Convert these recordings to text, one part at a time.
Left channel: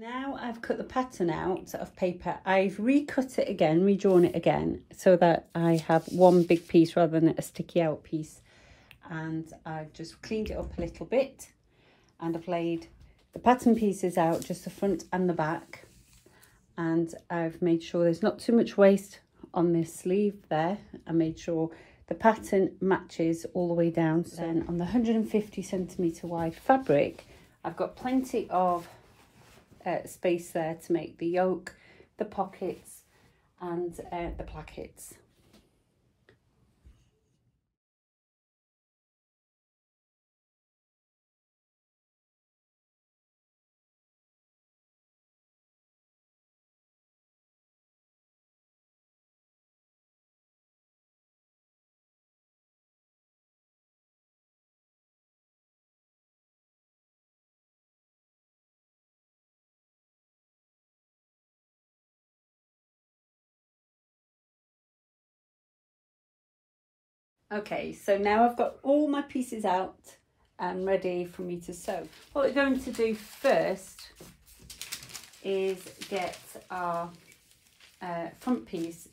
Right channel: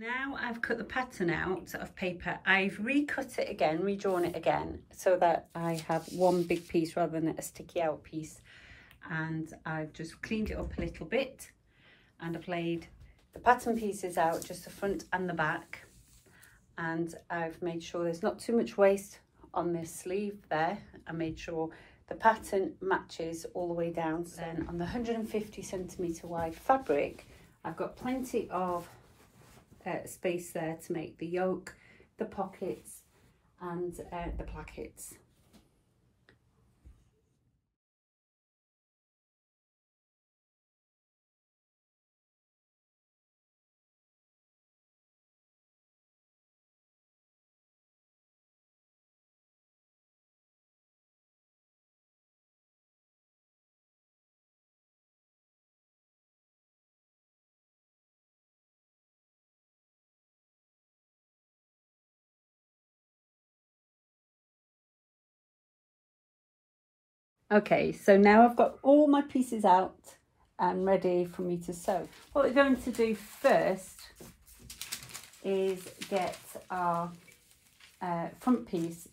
Now I've cut the pattern out of paper, I've recut it again, redrawn it again, so that I have one big piece rather than a sticky out piece. And I've just cleaned it up a little bit, and I've laid the pattern pieces out, just the front and the back. And I've made sure there's not too much waste on this sleeve there. I made sure the pattern matches all the way down. So then on the 150cm wide fabric, I've got plenty of space there to make the yoke, the pockets and the plackets. Okay, so now I've got all my pieces out and ready for me to sew. What we're going to do first is get our front piece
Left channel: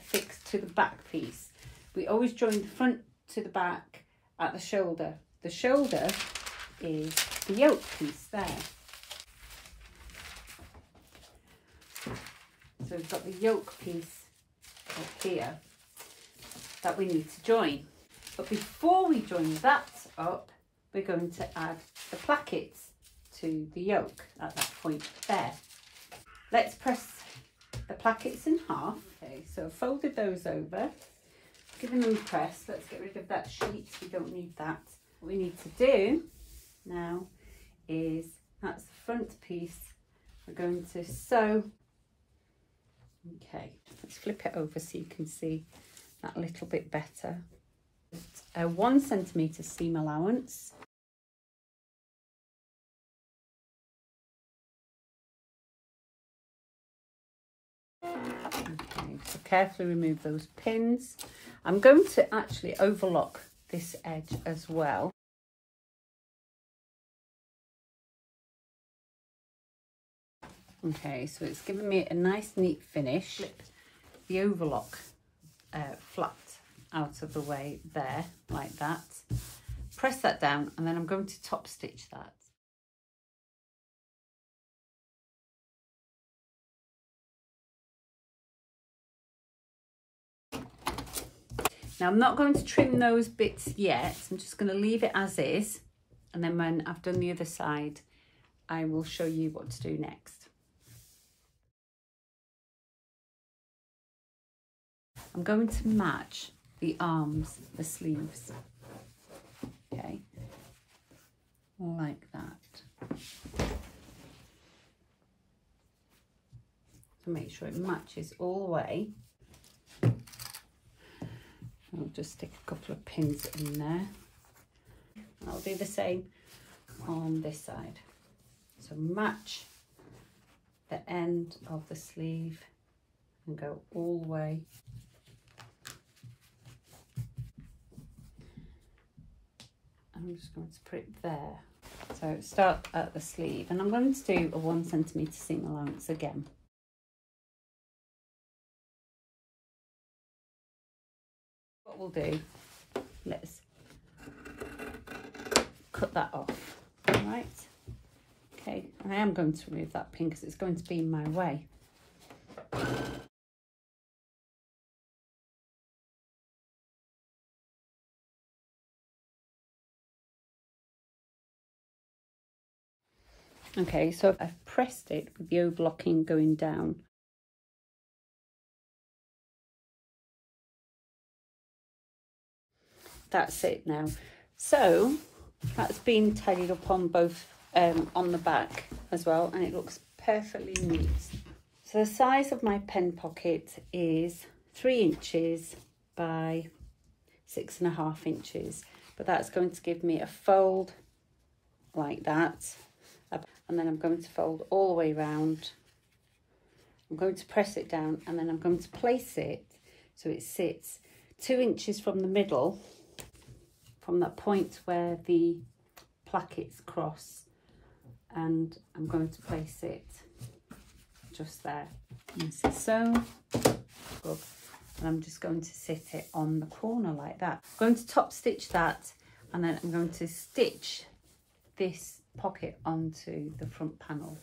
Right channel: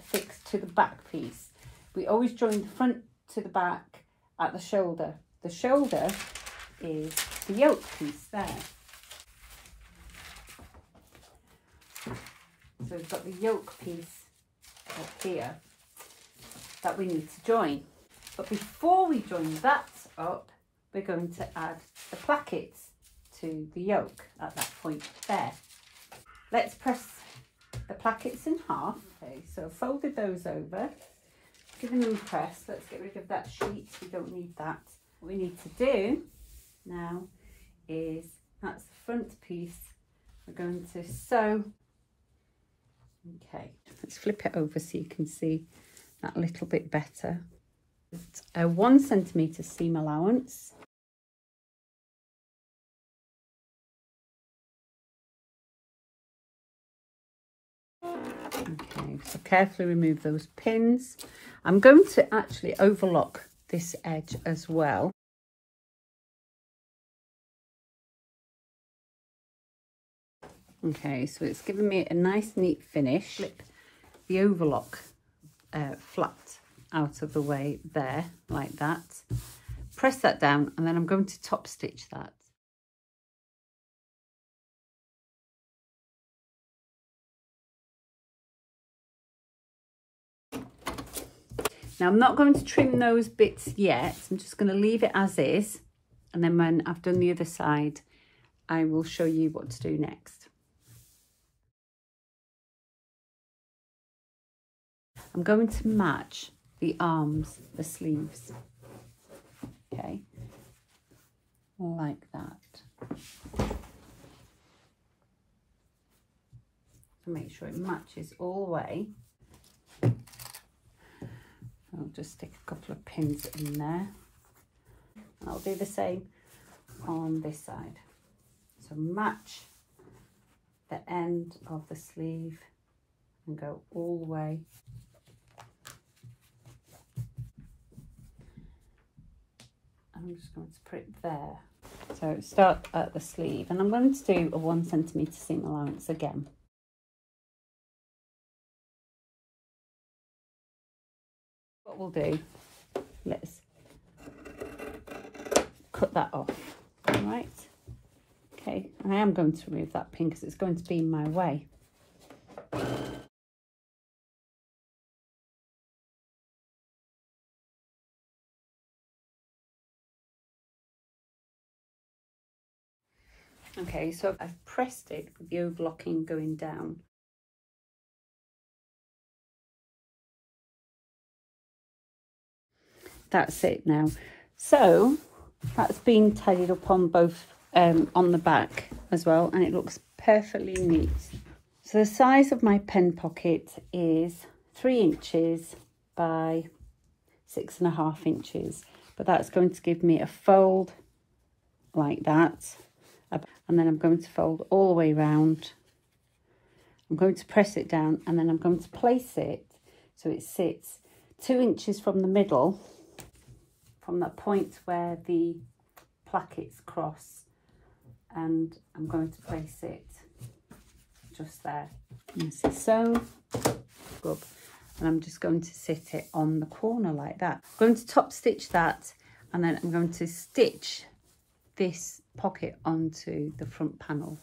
fixed to the back piece. We always join the front to the back at the shoulder. The shoulder is the yoke piece there. So we've got the yoke piece up here that we need to join. But before we join that up, we're going to add the plackets to the yoke at that point there. Let's press the plackets in half. Okay, so I've folded those over, given them a press. Let's get rid of that sheet, we don't need that. What we need to do now is, that's the front piece, we're going to sew. Okay, let's flip it over so you can see that a little bit better. A 1 centimetre seam allowance. Okay, so carefully remove those pins. I'm going to actually overlock this edge as well. Okay, so it's given me a nice neat finish. Flip the overlock flat out of the way there, like that. Press that down, and then I'm going to top stitch that. Now I'm not going to trim those bits yet, I'm just going to leave it as is, and then when I've done the other side I will show you what to do next. I'm going to match the arms, the sleeves, okay, like that. To make sure it matches all the way. I'll just stick a couple of pins in there. I'll do the same on this side. So match the end of the sleeve and go all the way. I'm just going to put it there. So start at the sleeve, and I'm going to do a 1 centimetre seam allowance again. What we'll do, let's cut that off. All right. Okay, I am going to remove that pin because it's going to be in my way. Okay, so I've pressed it with the overlocking going down. That's it now. So that's been tidied up on both, on the back as well, and it looks perfectly neat. So the size of my pen pocket is 3 inches by 6.5 inches, but that's going to give me a fold like that. And then I'm going to fold all the way around. I'm going to press it down, and then I'm going to place it so it sits 2 inches from the middle, from that point where the plackets cross, and I'm going to place it just there. So, rub. And I'm just going to sit it on the corner like that. I'm going to top stitch that, and then I'm going to stitch this pocket onto the front panel.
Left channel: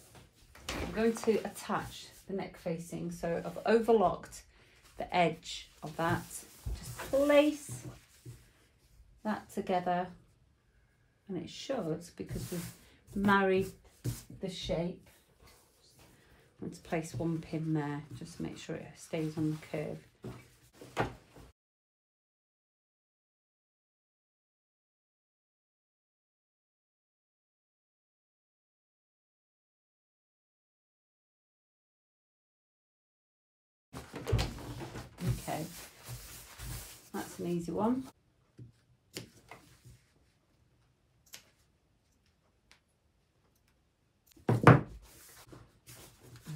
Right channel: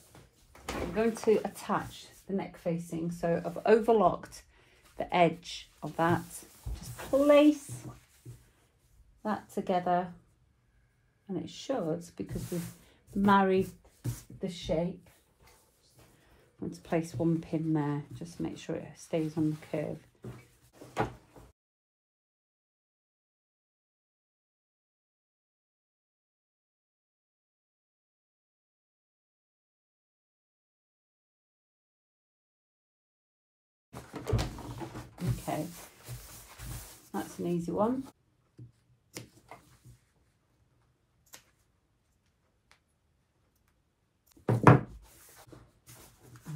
I'm going to attach the neck facing, so I've overlocked the edge of that. Just place that together, and it should, because we've married the shape. I'm going to place one pin there, just to make sure it stays on the curve. Okay, that's an easy one.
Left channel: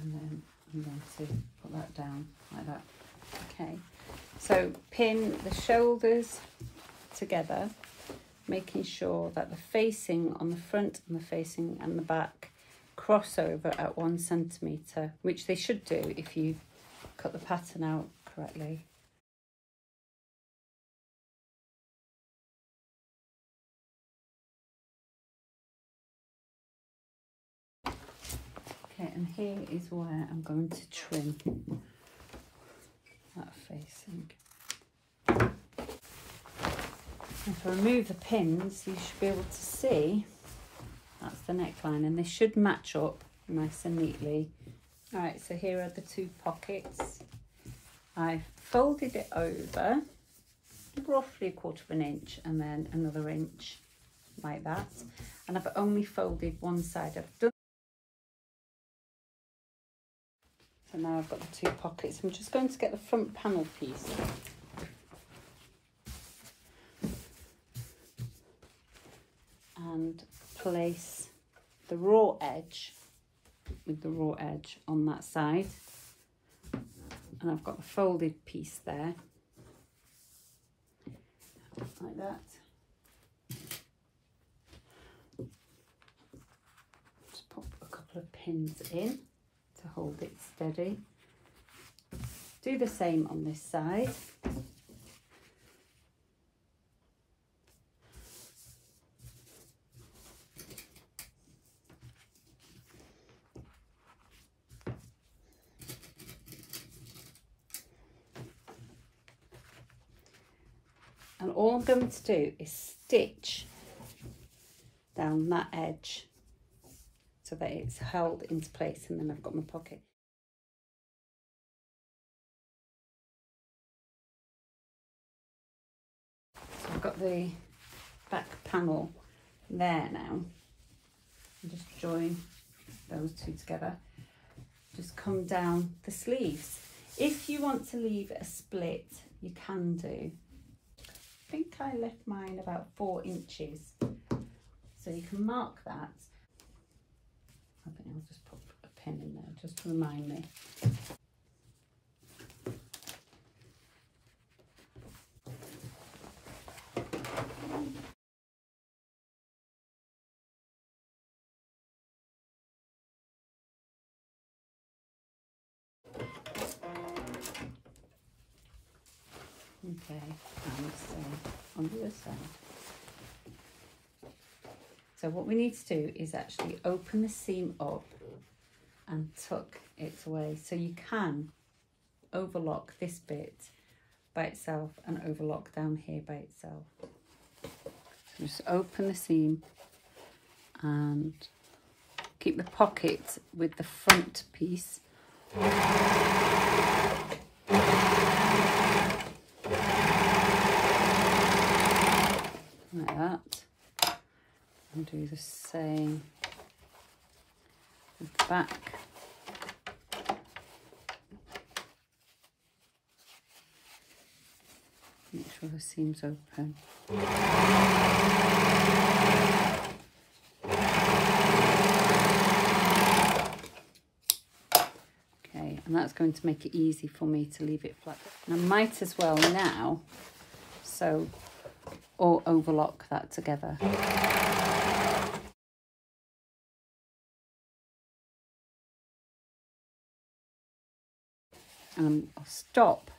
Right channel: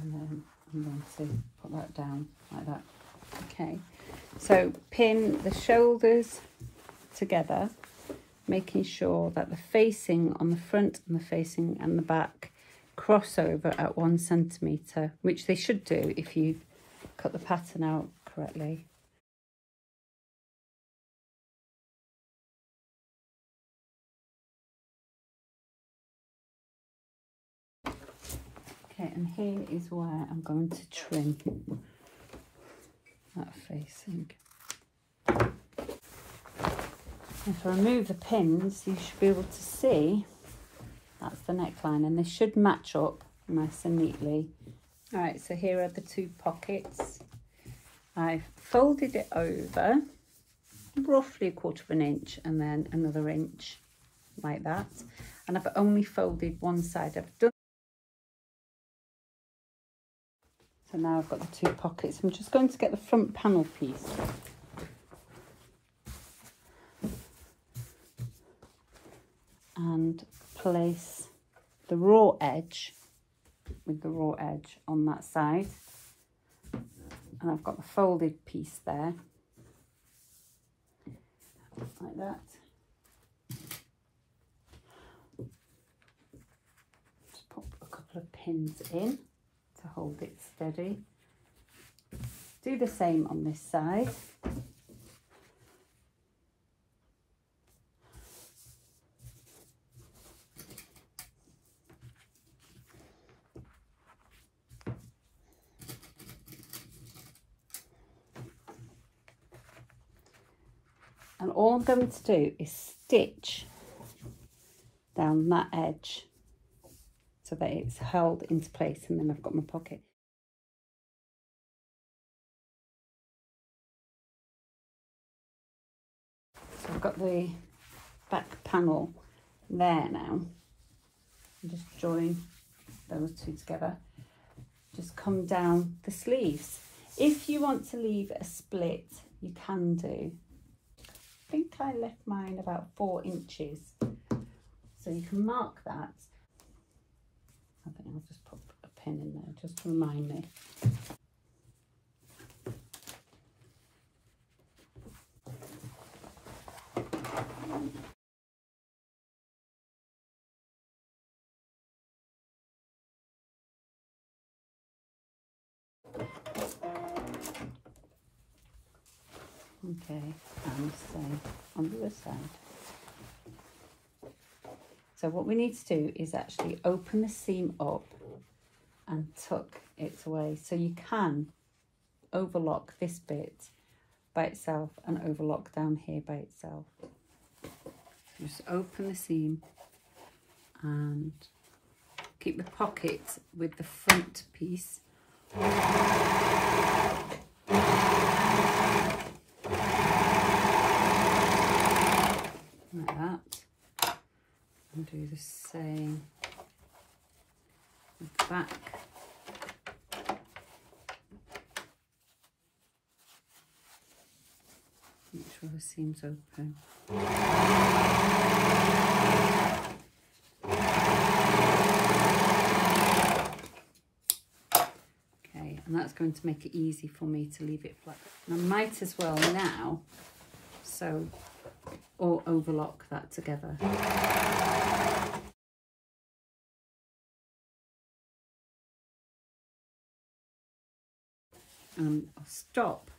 And then I'm going to put that down like that. Okay, so pin the shoulders together, making sure that the facing on the front and the facing and the back cross over at 1 centimetre, which they should do if you cut the pattern out correctly. Okay, and here is where I'm going to trim that facing. If I remove the pins, you should be able to see that's the neckline, and they should match up nice and neatly. All right, so here are the 2 pockets. I've folded it over roughly 1/4 inch and then another inch like that, and I've only folded one side. I've done. So now I've got the 2 pockets. I'm just going to get the front panel piece. And place the raw edge with the raw edge on that side. And I've got the folded piece there, like that. Just pop a couple of pins in to hold it steady. Do the same on this side. And all I'm going to do is stitch down that edge so that it's held into place, and then I've got my pocket. So I've got the back panel there now. I'll just join those 2 together. Just come down the sleeves. If you want to leave a split, you can do. I think I left mine about 4 inches, so you can mark that. I think I'll just put a pin in there just to remind me. Okay, and same on the other side. So what we need to do is actually open the seam up and tuck it away. So you can overlock this bit by itself and overlock down here by itself. So just open the seam and keep the pocket with the front piece. Like that, and do the same with the back. Make sure the seam's open. Okay, and that's going to make it easy for me to leave it flat. And I might as well now sew or overlock that together. and I'll stop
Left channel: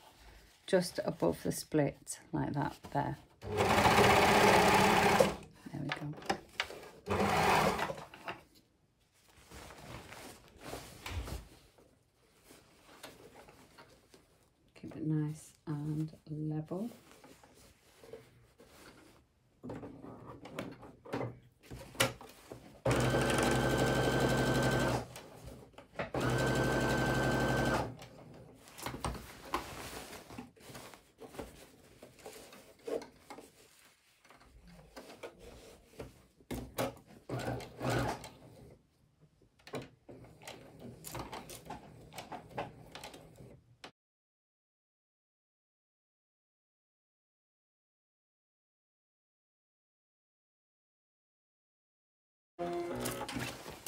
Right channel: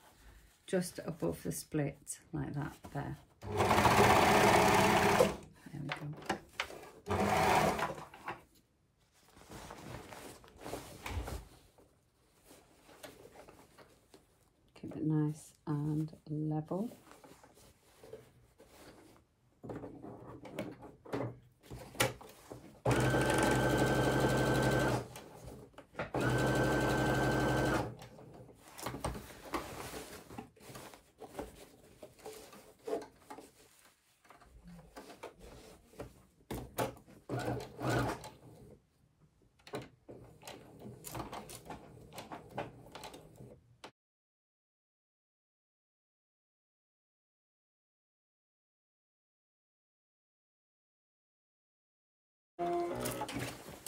just above the split like that there. There we go. Keep it nice and level.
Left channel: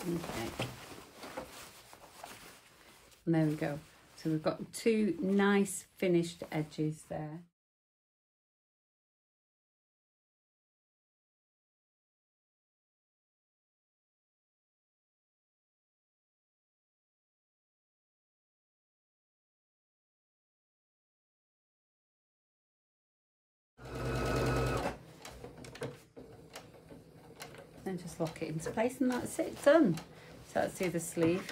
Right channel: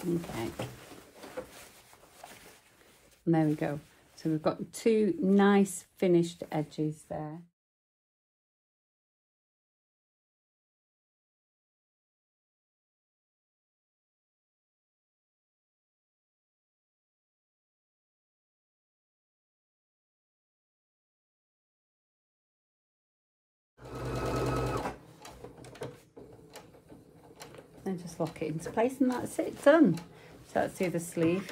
Okay, and there we go. So we've got two nice finished edges there. And just lock it into place, and that's it, done. So that's the other sleeve.